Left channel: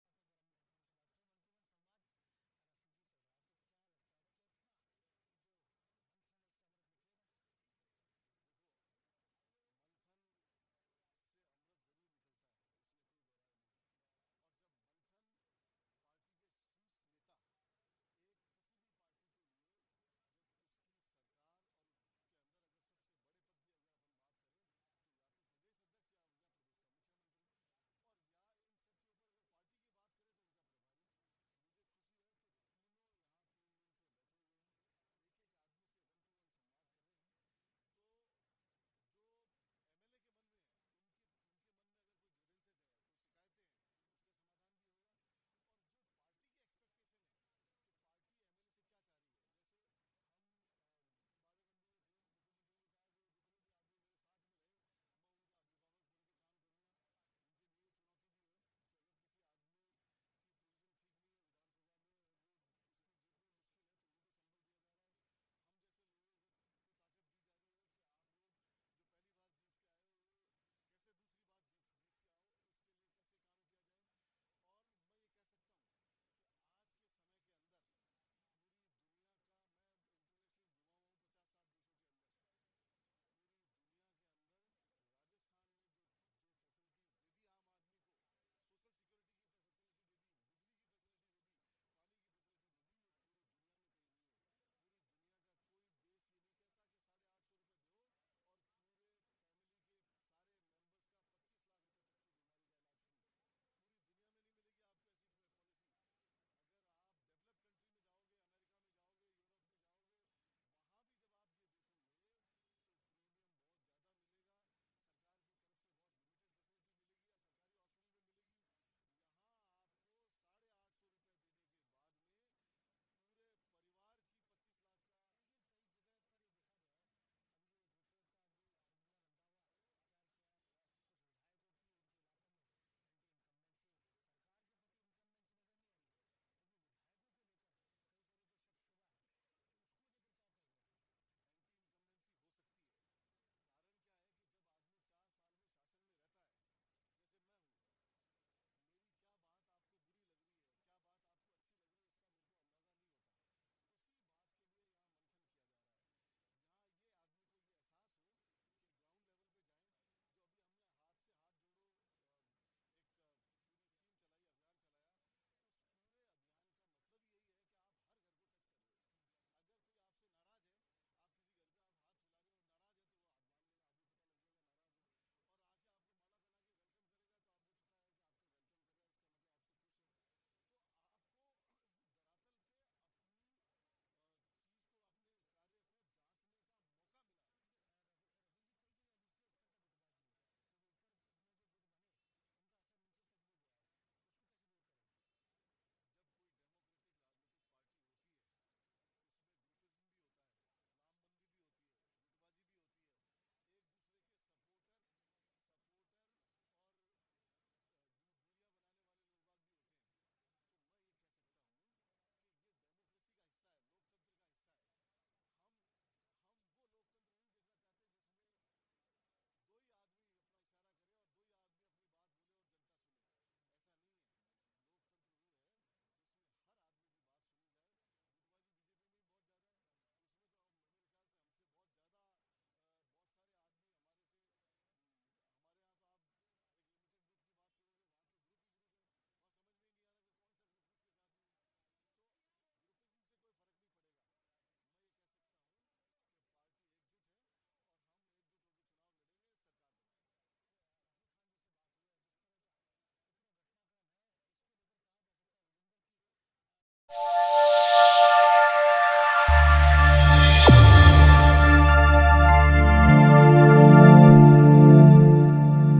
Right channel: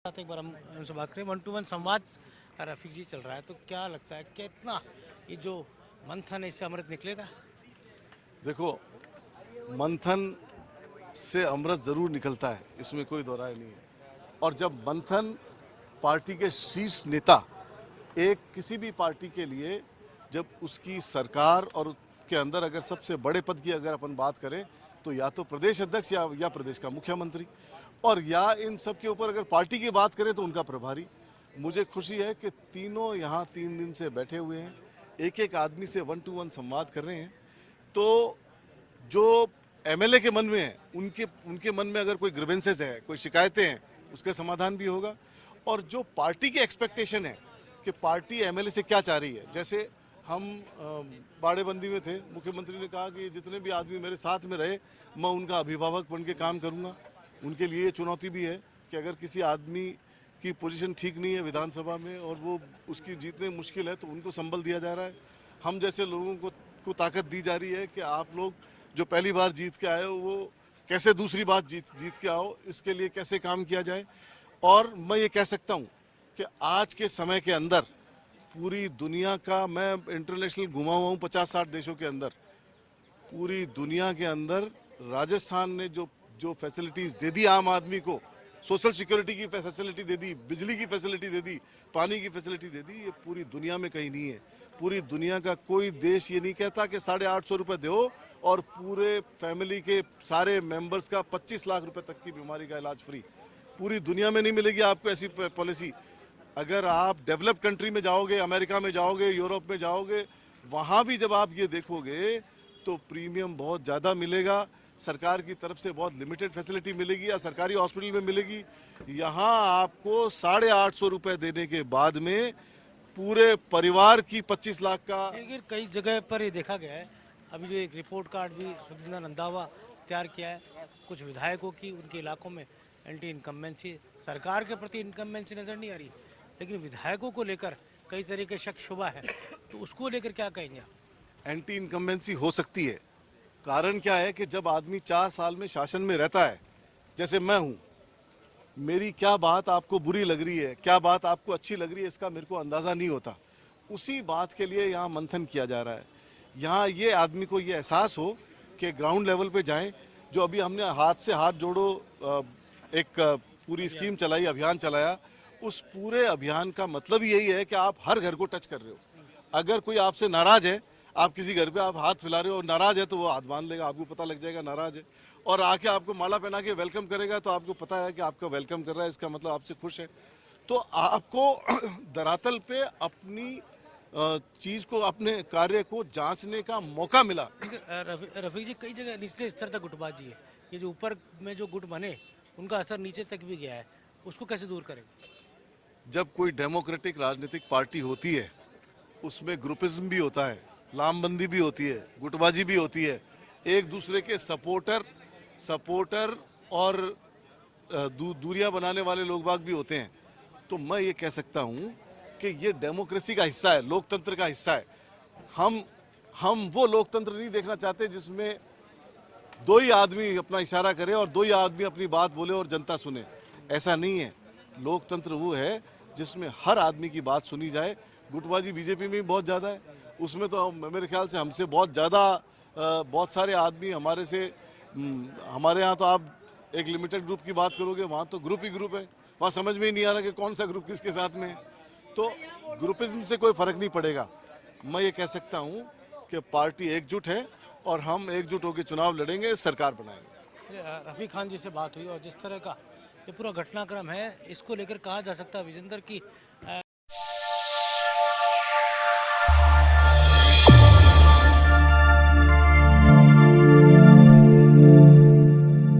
एक बार हम उनसे बात करें। 1-to-1 संवाद रफीक जी चल रहा है, तो क्या लगता है कितना ये जो मंथन है इससे अमृत निकलेगा? देखो, मंथन से अमृत जरूर निकलता है, इसमें कोई दो राय नहीं है। और जब मंथन पार्टी के शीर्ष नेता एक किसी भी पार्टी के लिए जब उसकी सरकार और उसके अंदर अगर सबसे बड़े पद की अगर अपन बात करें तो या तो प्रदेश अध्यक्ष या प्रदेश का मुख्यमंत्री, और या इन सब के ऊपर अगर पार्टी की बात करें तो उनका प्रभारी। मुझे खुशी है कि तीनों यहाँ 3 दिन से बैठे हुए हैं, एक एक आदमी से 1-to-1 संवाद कर रहे हैं। तो जो एमएलए के मन में है, उनके उनके मन में अगर कोई ग्रीवेंसेस है, कोई शिकायतें हैं, उसका समाधान भी होगा। और जो पार्टी की एक्सपेक्टेशन है कि पार्टी एमएलए से क्या चाह रही है, जैसे हम बाड़ेबंदी में थे, मुख्यमंत्री ने कहा कि जितने भी आदमी मेरे साथ में रहे मैं उनका अभिभावक बन के काम करूंगा। उनके लिए ये चुनौती भी है कि अगर किसी आदमी की पोजीशन ठीक नहीं है विधानसभा में और वो उसकी जीतने मुश्किल है तो उनको संबल दिया जा रहा है। हम जैसे लोगों को ताकत दी जा रही है कि आप लोग जो पहली बार जीत के आए हो वो कैसे दूसरी बार जीत के आओ, इसके लिए कैसे काम किया जाए। और मैं ये कह सकता हूँ कि आज के समय के अंदर पूरी दुनिया का, मैं इंटरनेशनल घुमा हुआ हूँ 50-60 देशों के अंदर, पूरी दुनिया के अंदर राजस्थान ने जो जो फैसिलिटीज दे दी आम आदमी को, सोशल सिक्योरिटी की फैसिलिटी दे दी, बिजली की फैसिलिटी दे दी, पानी की फैसिलिटी दे दी, ये पूरी दुनिया में कहीं नहीं है। पूरी दुनिया का कोई देश ये नहीं कहता कि 850 रुपये दो और पूरे फैमिली के सारे मेंबर्स का 25 लाख रुपए तक की बीमारी का इलाज फ्री। पूरी दुनिया में नहीं मिलेगी आपको ऐसी पॉलिसी। अगर आप डेवलप्ड कंट्री में जाओगे, अमेरिका में जाओगे, यूरोप में जाओगे, वहाँ भी जब आप ये देखोगे तो प्रीमियम बहुत ज़्यादा मिलेगा, सरकार की तरफ से बहुत लिमिटेड फैसिलिटी मिलेगी या सरकारी हॉस्पिटल में मिलेगी। यहाँ आपको 850 रुपये देने के बाद में पूरे परिवार की 25 लाख का। लेकिन कई जगह पर ये देखा गया है, अभी जो एक रिपोर्ट कार्ड भी सुखजिंदा रंधावा तैयार किया है, कुछ विधायकों की उनके इलाकों में एंटी इनकम्बेंसी, सरकार के प्रति इनकम्बेंसी नजर नहीं आ रही, लेकिन विधायकों को लेकर कई तरह के शक शुबा है, तो उसको लेकर क्या कहेंगे आप? एंटी इनकम्बेंसी हो सकती है। कारण क्या है कि जब आदमी 4 साल में शासन में रहता है, जैसे मैं हूँ, मेरी क्या बात आपको बुरी लग रही है, क्या बात आपको अच्छी लग रही है, इसका मेरे को अंदाज़ा नहीं होता। उसी बात के लिए यहाँ मंथन किया जा रहा है। यहाँ ये आदमी को ये एहसास हो कि ग्राउंड लेवल पे जाएं। जो अभी हमने हाथ से हाथ जोड़ो एक पूरी स्कीम चलाई, अभियान चलाया, उस पूरे अभियान का मतलब यही है कि आप हर घर को टच कर रहे हो। अगर कोई आपसे नाराज है, आप किसी घर पे आप हाथ फैला रहे हो और नाराज है तो वो हाथ बांध लेगा, आपको पता लग जाएगा नाराज है, और आके आपको माला पहना के वेलकम करेगा तो आपको पता है कि आपका वेलकम कर रहा है, इसका मतलब आपसे खुश है। तो आपको धरातल पे अपनी चीज को, अपने कार्य को जांचने का मौका मिला। रफीक जी, कई जगह निचले स्तर तक गुटबाजी है, ये जो ऊपर में जो गुट बने उनका असर नीचे तक भी गया है, उसको कैसे दूर करेंगे? जब कोई डेमोक्रेटिक राजनीतिक पार्टी होती है उसमें ग्रुपिज्म भी होता है, लामबंदी भी होती है, गुटबाजी भी होती है, एक दूसरे के सपोर्टर और दूरियां बनाने वाले लोग बाग भी होते हैं। तो मैं ये कह सकता हूँ कि ये डेमोक्रेसी का हिस्सा है, लोकतंत्र का हिस्सा है। हम वो लोकतंत्र नहीं देखना चाहते जिसमें दो ही आदमी अपना इशारा करे और दो ही आदमी अपनी बात बोले और जनता सुने। ऐसा नहीं है। लोकतंत्र वो है जिसमें हर आदमी की बात सुनी जाए। गुटबाजी बीजेपी में भी बहुत ज़्यादा है, उसमें तो मेरे ख्याल से हमसे बहुत ज़्यादा बहुत सारे आदमी हमारे से, हमारे यहाँ तो आप एक लिमिटेड ग्रुप की बात करोगे, वहाँ तो ग्रुप ही ग्रुप है, वहाँ समझ में ही नहीं आ रहा कि कौन सा ग्रुप किसके साथ में है। तो ग्रुपिज्म से कोई फर्क नहीं पड़ेगा। मैं ये कह सकता हूँ कि पार्टी एकजुट है और हम एकजुट होकर चुनाव लड़ेंगे, सरकार बनाएंगे। रफीक खान जी से बात हुई और जिस तरह का ये पूरा घटनाक्रम है, इसको लेकर कहा जा सकता है विजेंद्र की